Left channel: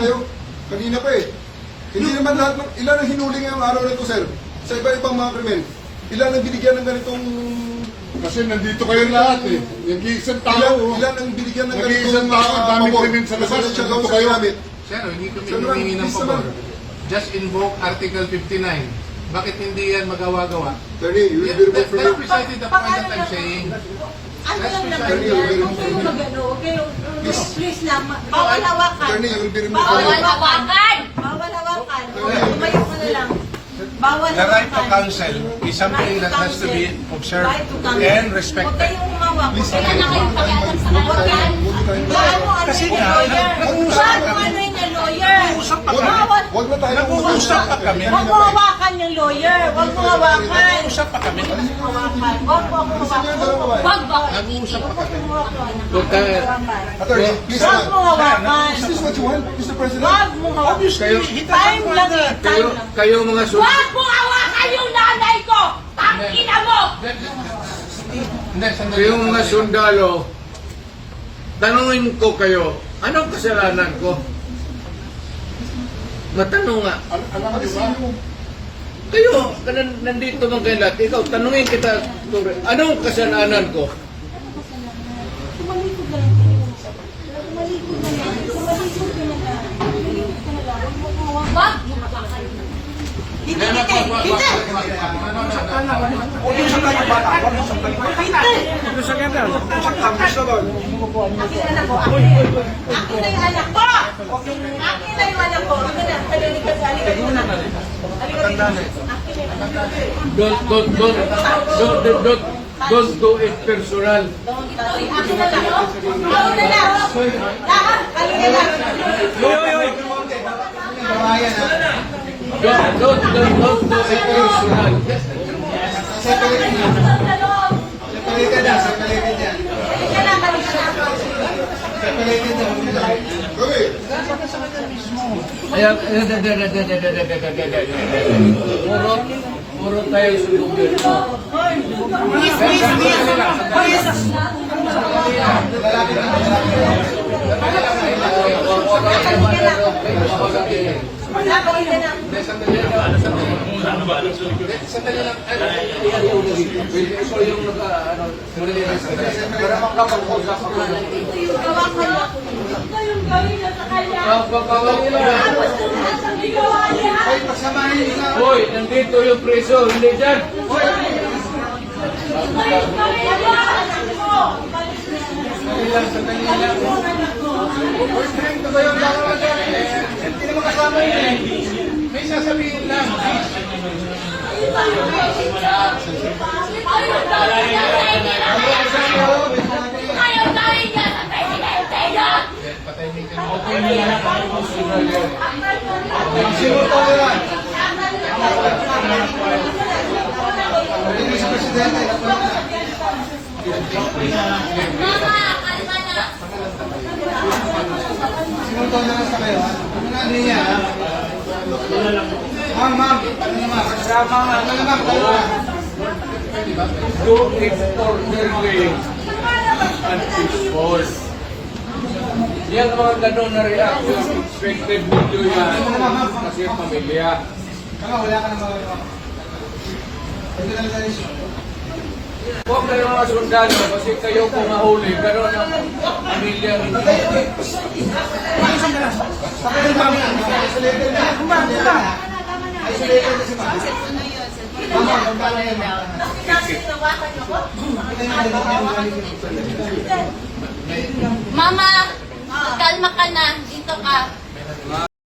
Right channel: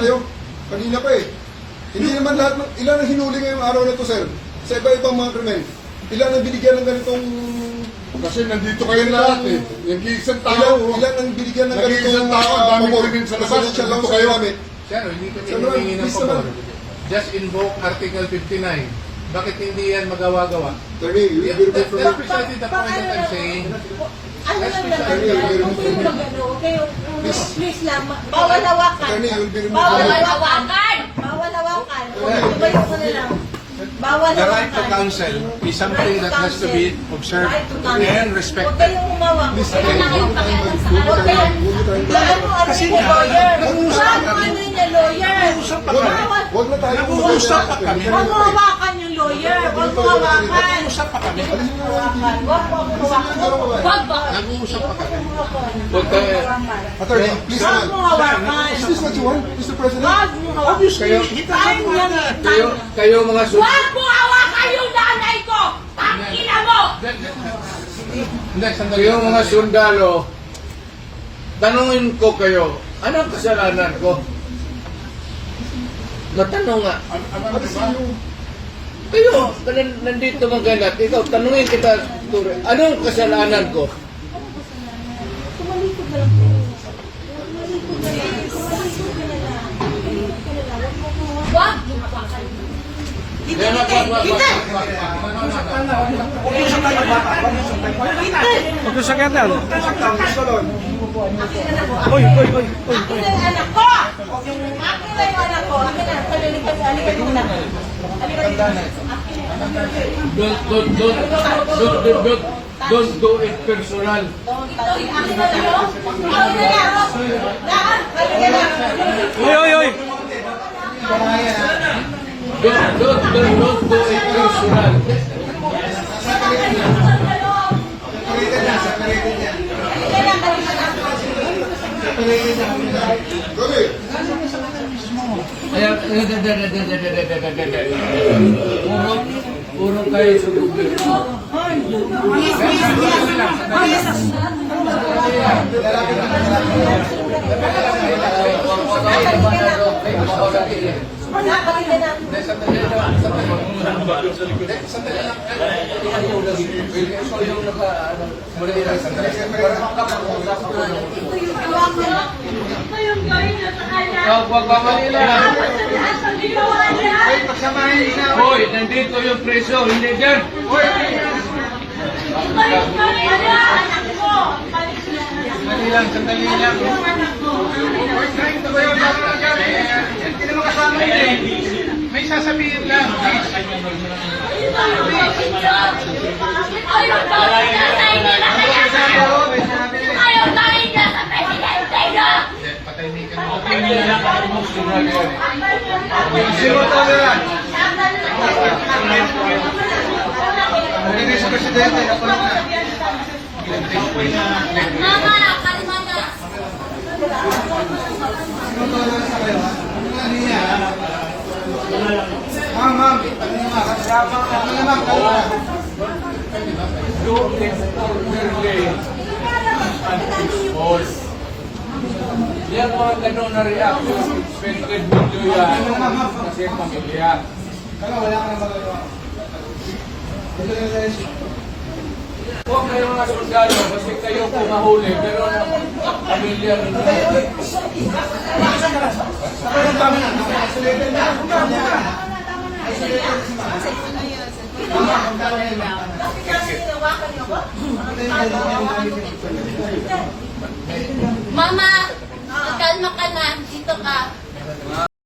kayo. Kanina pa eh. Hindi naman lahat, ilan ang hinuli ngayong araw na ito, sir? Sa iba-ibang mga krimen. Ilan ang binigyan ng ganitong... Kasi nandito kayo lahat eh. Nag-iisang tao. Ilan ang binigyan ng Nag-iisang tao, dami krimen sa labas. Nandito kayo. Sir, hindi kami humingi ng pabor. Just invoke Article 59. Bakit hindi yan magawa-gawa? Attorney, you will be removed from That's precisely the point that I'm saying. Ano yung nagano? Please lang, bawal hawakan. Attorney, you will be removed Bawal from hawakan! Bawal hawakan. Tumayo ko na lang. Bawal The right to hawakan. counsel is something that has to be observed and Huwag respected. kayong umawak. Huwag kayong pakialam sa kanila. Huwag kayong Kasi nga, lawyer. nag-uusap Huwag mo ano yung lawyer. Bawal. Huwag na tayo Nag-uusap pa kami. Huwag mo hawakan yung lawyer. Huwag mo hawakan. Nag-uusap pa kami. Hawakan. Huwag mo hawakan. Huwag ba? Nag-uusap pa kami. Attorney, please Huwag mo hawakan. Is this what you want, Mr. President? Huwag mo hawakan. Time lang eh. Time lang. Kayo mga Huwag mo hawakan yung nanay ko! Tangina mo! Hindi, sandali. kayo mga sundalo, tanungin ko kayo, anong kasalanan ko? Matanong nga. Alam niyo ba? Kayo, nandito mga kayo lahat. Ikaw, tanungin kita, Ture, anong kasalanan ko? Tumalikod na lang kayo. Tumalikod na lang. Tumalikod ka na lang. Tumalikod ka na lang. Huwag mo hawakan. Huwag mo hawakan. Dito, dito! Dito! Mag-usap tayo bata. Mag-usap tayo bata. Mag-usap ka tayo. Mag-usap tayo. Gusto doon. Akin na po. Akin na yung anak ko! Akin na yung anak ko. Akin na. Halika muna. Halika dito. Akin na yung anak ko. Don't do it personal. Akin na lang. Akin na lang. Lahat. Halika na. Don't do it personal. Kaya, puro kayo sundugin. Hoy, nandito yung preso, hindi dyan. Sandali lang. Hindi naman kasama yun eh. May sasabihin lang. Ayaw gawin niya sa inila kaya ayaw gawin niya sa presidente niya! Patahimikin mo. Malinis presidente. Mama, kalma na! Do it orderly and peaceful. Yan mga ganun na reaction, expected video yan kasi pamilya. Huwag na yung mga sundalo kasi kayo kung nahuli pero ang pamilya hindi. Mama, kalma ka na. Dito ka.